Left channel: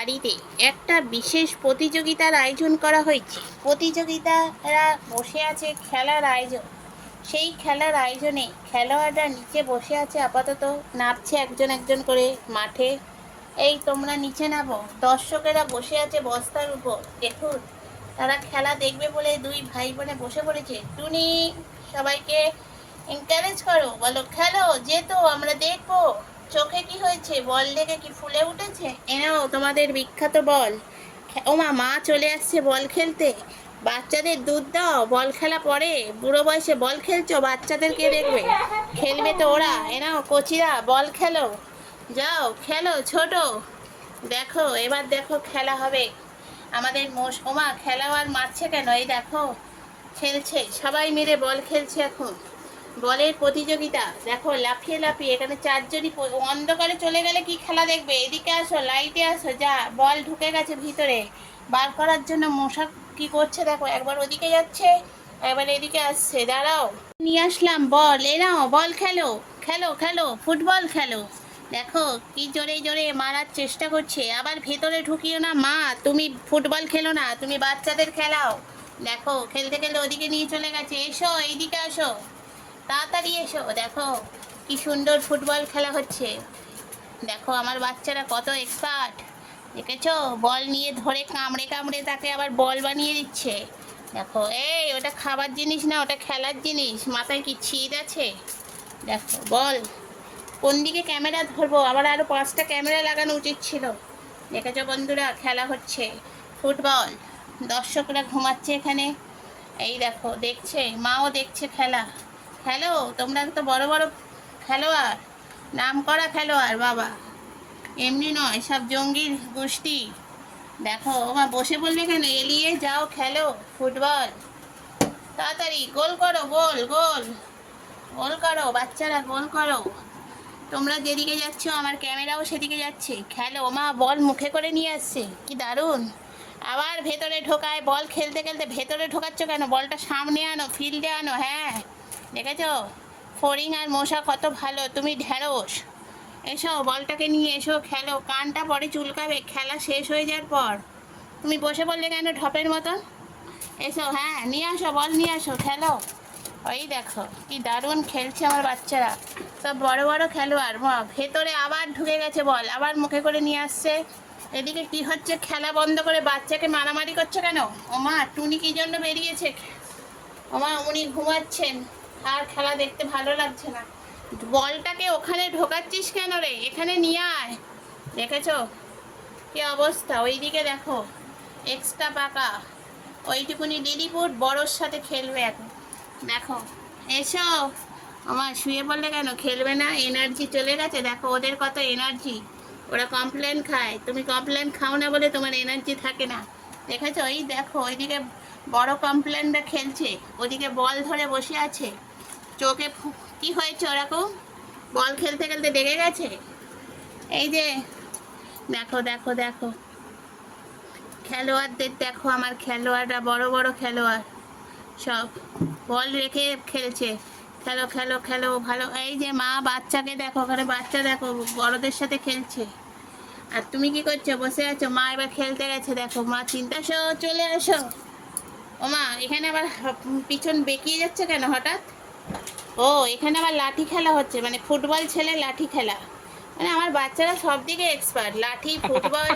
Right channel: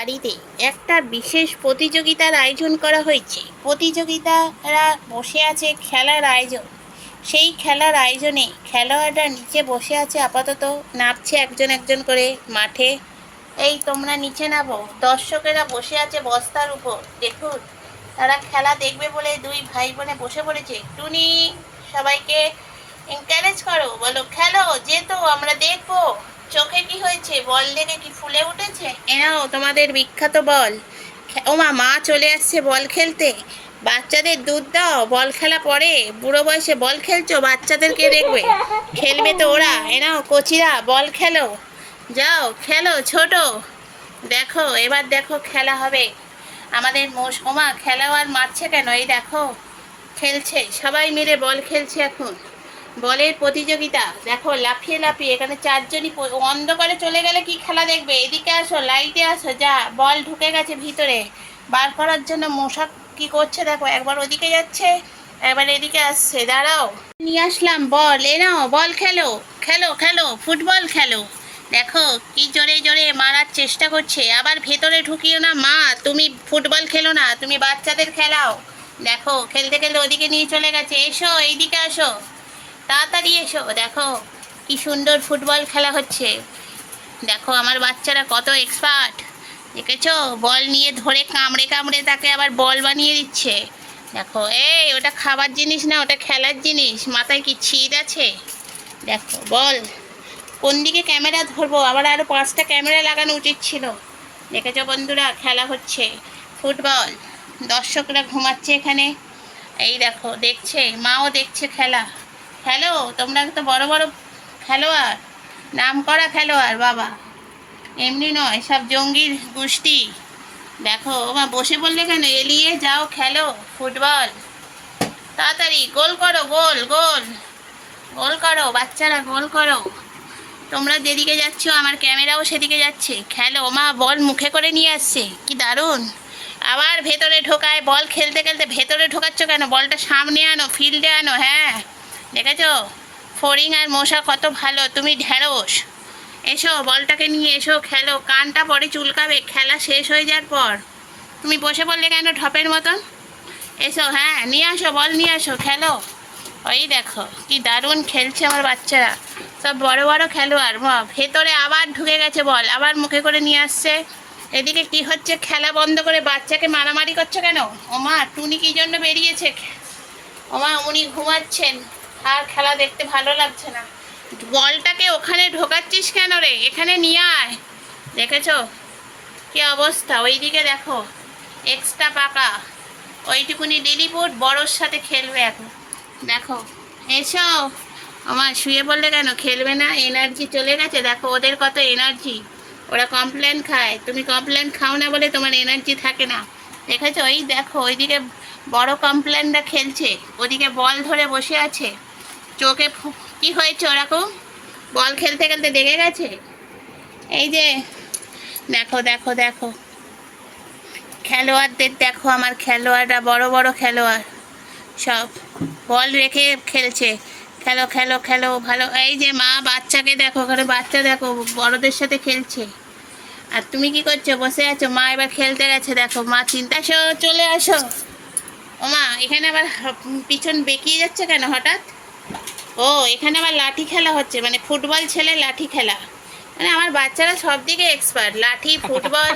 বাড়িতে একটা বিশেষ প্রতিযোগিতার আয়োজন করা হয়েছে। প্রতিযোগিতারা বসে আছে খেলার আয়োজন। সেই খেলার আয়োজনে খেলোয়াড়রা নিচে বসে আছে, আপাতত নামছে একজন একজন করে মাঠে। এই তোমরা নিচে নামো। দর্শকেরা বসে আছে বস্তার উপর, দেখুন তারা খেলা দেখবে বলে দুই ভাই বোনে বসে পড়েছে। টুনি, সবাইকে এনকারেজ করো, বলো খেলো, যেতো, আমরা দেখবো। চোখে কি হয়েছে? বল দেখে কি ফুলে উঠেছে? এনাও তোমাদের বিখ্যাত বল। ওমা, মা চলে আসছে বল খেলতে। বাচ্চাদের দুধ দাও, বল খেলা পরে। বুড়ো বয়সে বল খেলছো, বাচ্চাদেরকে দেখবে? খেলবে তো ওরা। এনাও কোচিরা, বল খেলো, যাও খেলো ছোট। দেখো এবার দেখো খেলা হবে। আমাদের ওমা, খেলোয়াড় মারছে কেন? এই দেখো খেলছে, সবাই মিলে বল খেলছে এখন। বলের প্রতিযোগিতা দেখো, লাফিয়ে লাফিয়ে। এখানে চারজনই অন্ধকারে চলে গেলে কি খেলা দেখবে? এদিকে আসো, লাইটে আসো। যা, বল ঢুকে গেছে ভিতরে, বার করার জন্য মশা কি করছে দেখো। একবার ওদিকে যাচ্ছে, একবার এদিকে আসছে। দাঁড়াও, নিয়ে আসলাম বল। এ নাও, বল খেলো, খেলো খেলো, ফুটবল খেলো। দেখো কি জোরে জোরে মারার চেষ্টা করছে। আবার ভেতরে ঢুকিও না মা, তুমি ফুটবল খেলো না, তুমি বাচ্চাদের খেলাও। দেখো খেলতে খেলতে ওদিকে নিয়ে চলে গেছে। এসো, এইদিকে আসো, তাড়াতাড়ি এসো। দেখো কি সুন্দর ফুটবল খেলা হচ্ছে। দেখো আমার বাচ্চারা কত এক্সপার্ট, দেখেছো? বল নিয়ে ধরে কামড়ে কামড়ে তাকে আবার বল বানিয়ে দিচ্ছে। দেখো, এই ওটা খাবার জিনিস না, ওটা খেলার জিনিস। মাথায় কি ছিদ আছে? দেখো বল, কোন দিকে ক্যামেরা ধরবো? আবার আরও 5টা ক্যামেরা লাগানো উচিত ছিল। দেখেছো বন্ধুরা, খেলা হচ্ছে ফুটবল। দর্শকরা ঘুমাচ্ছে এখানে। এই দেখো দেখছে, মাও দেখছে খেলা। খেলো, তোমরা তো বড় বড় খেলোয়াড়, নাম করা খেলোয়াড় বাবা, এমনি নয়, সব জঙ্গির গোষ্ঠী। দেখো মা, বসে পড়লে কেন? এলিয়ে যাও, খেলো ফুটবল। তাড়াতাড়ি গোল করো, গোল গোল গোল করো বাচ্চারা, গোল করো। তোমরা যেদিকে যাচ্ছ আমার ক্যামেরাও সেদিকে যাচ্ছে। খেলো মা, বল মুখে করে নিয়ে আসছে, কি দারুণ। আবার ভেতরে ঢোকায় বল। খেলতে খেলতে ভেতরে ঢোকাচ্ছ কেন? বলটা সামনে আনো, ফিল্ডে আনো। হ্যাঁ দেখেছো, ফড়িং আর মশা কত ভালো, তুমি ঢ্যাঁড়স। এসো, বলটাকে নিয়ে এসো, খেলো। কানটা পরে চুলকাবে খেলা শেষ হয়ে যাওয়ার পর। তুমি বসে পড়লে কেন ঢপের মতন? এসো, হ্যাঁ নিয়ে আসো, বল নিয়ে আসো, খেলো। ওই দেখো কি দারুণ খেলছে আমার বাচ্চারা, সব বড় বড় খেলোয়াড়। ভেতরে আবার ঢুকে গেছে বল, আবার মুখে করে নিয়ে আসছে। এদিকে কি হচ্ছে? খেলা বন্ধ করে বাচ্চাকে মারামারি করছে কেন? ওমা, টুনি কি জন্য বেরিয়েছে? ওমা, উনি ঘুমাচ্ছেন, আর খেলা দেখতে ভালো লাগছে না। বলটাকে ওখানে ঢোকাচ্ছিস কেন রে? এখানে নিয়ে আয়। দেখেছো কি অবস্থা? ওইদিকে দেখো এক্সট্রা পাকা, ওইটুকুনি লিলিপুট বড়োর সাথে খেলবে এখন। দেখো, এসো। আমার শুয়ে পড়লে কেন? খেলবে না? এনার্জি চলে গেছে। দেখো ওদের কত এনার্জি, ওরা কমপ্লেন খায়, তুমি কমপ্লেন খাও না বলে তোমার এনার্জি থাকে না। দেখেছো? ওই দেখো ওইদিকে বড় কমপ্লেনটা খেলছে, ওদিকে বল ধরে বসে আছে। চোখে কি হয়েছে ওরকম? বল খেলতে খেলতে দেখে গেছে। এই যে দেখো দেখো দেখো খেলোয়াড়দের দেখো, আমার খেলোয়াড়রা বড় বড় খেলোয়াড় সব, বল রেখে খেলছে। খেলো খেলো খেলো ভালো। এই যে মা বাচ্চাকে দেখো, ওখানে বাচ্চা দেখো বড়দের সাথে খেলছে, আর তুমি কি করছো? বসে আছো। মা এবার খেলতে গেছে, দেখো মা চিন্তা। চলে আসো। ও মা, এখানে আবার পিছন বেঁকিয়ে যাচ্ছে কেন হঠাৎ? ও, এখানে আবার লাঠি খেলা হচ্ছে, মানে ফুটবল ছেলে লাঠি খেলা। মানে আমার বাচ্চারা সব দিকে এক্সপার্ট, লাঠি, ফুটবল,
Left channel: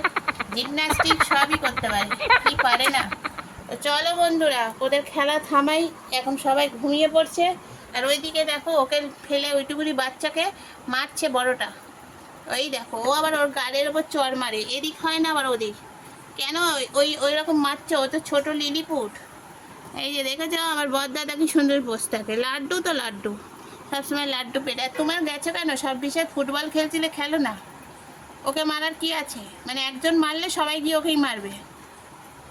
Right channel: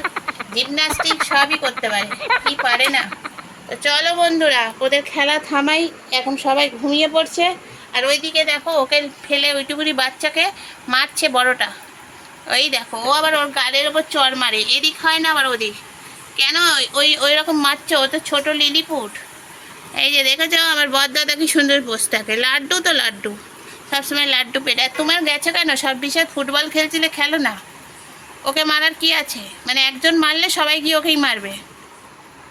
জিমনাস্টিক সবই করতে পারে, কি পারে না? তো চলো বন্ধুরা, ওদের খেলা থামাই, এখন সবাই ঘুমিয়ে পড়ছে। আর ওইদিকে দেখো ওকে ফেলে ওইটুকুনি বাচ্চাকে মারছে বড়টা। ওই দেখো, ও আবার ওর গালের ওপর চড় মারে, এদিক হয় না আবার ওদিক। কেন ওই রকম মারছো? ও তো ছোটো লিলিপুট। এই যে দেখেছো আমার বড়দাদা কি সুন্দর বসে থাকে, লাড্ডু তো লাড্ডু, সবসময় লাড্ডু পেটে। তোমার গেছো কেন? সব বিষয়ে ফুটবল খেলছিলে, খেলো না। ওকে মারার কি আছে? মানে একজন মারলে সবাই গিয়ে ওকেই মারবে।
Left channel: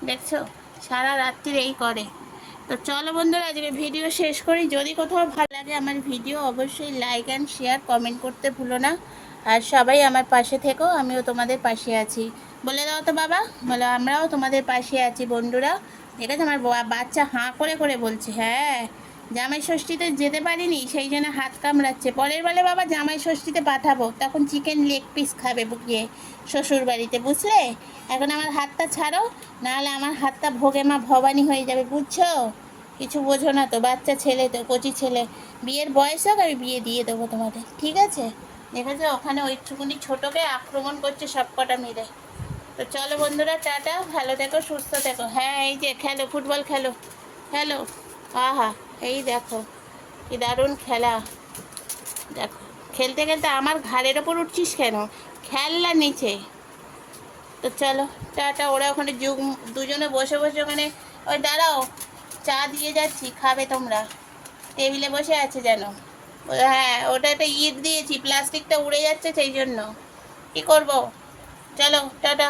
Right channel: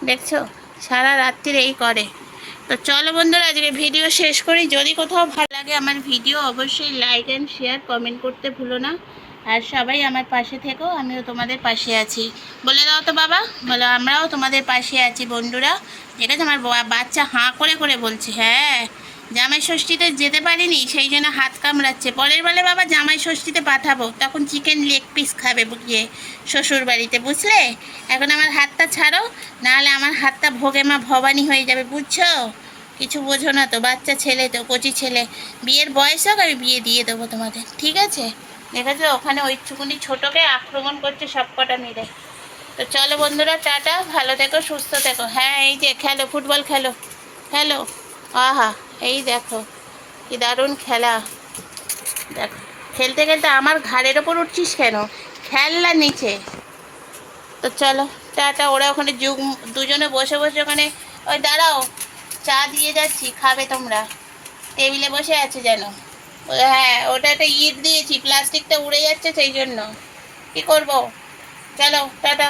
দেখছো, সারা রাত্রির এই করে। তো চলো বন্ধুরা, আজকে ভিডিও শেষ করি। যদি কোথাও ভালো লাগে আমার ভিডিও, অবশ্যই লাইক অ্যান্ড শেয়ার, কমেন্ট করতে ভুলো না। আর সবাই আমার পাশে থেকো, আমিও তোমাদের পাশে আছি। বলে দাও তো বাবা, বলো আমরাও তোমাদের পাশে আছি বন্ধুরা। ঠিক আছে? আমার বাচ্চা হাঁ করে করে বলছে, হ্যাঁ জামাই ষষ্ঠীতে যেতে পারিনি, সেই জন্য হাত কামড়াচ্ছে। পরের বেলা বাবা জামাই ষষ্ঠীতে পাঠাবো, তখন চিকেন লেগ পিস খাবে গিয়ে শ্বশুর বাড়িতে, বুঝলে? এখন আমার হাতটা ছাড়ো, নাহলে আমার হাতটা ভোগে মা ভবানী হয়ে যাবে, বুঝছো? কিছু বোঝো না তো, বাচ্চা ছেলে তো, কচি ছেলে। বিয়ের বয়স হোক, আমি বিয়ে দিয়ে দেবো তোমাদের, ঠিক আছে? দেখেছো ওখানে ওইটুকুনি ছোটোকে আক্রমণ করছে সব কটা মিলে। তো চলো বন্ধুরা, টাটা, ভালো থেকো, সুস্থ থেকো। হ্যাঁ, এই যে খেলো, ফুটবল খেলো, খেলো। আহা, এই দেখো কি দারুণ খেলা। দেখো, খেলতে খেলতে আমার ঘাড়ের ওপর উঠছিস কেন? খেলনা নিচে। তো চলো, টাটা। ওরা ওখানে দুজনে বসে বসে ওখানে, ওই দাঁড়াও, চা দিয়ে যাচ্ছি, খাবে তোমরা? টেবিলে বসে আছে যেন। হ্যাঁ, ওটা একটা ইট দিয়েছি, প্লাস্টিকটা উড়ে যাচ্ছে সেই জন্য। কি করবো? চলো, টাটা।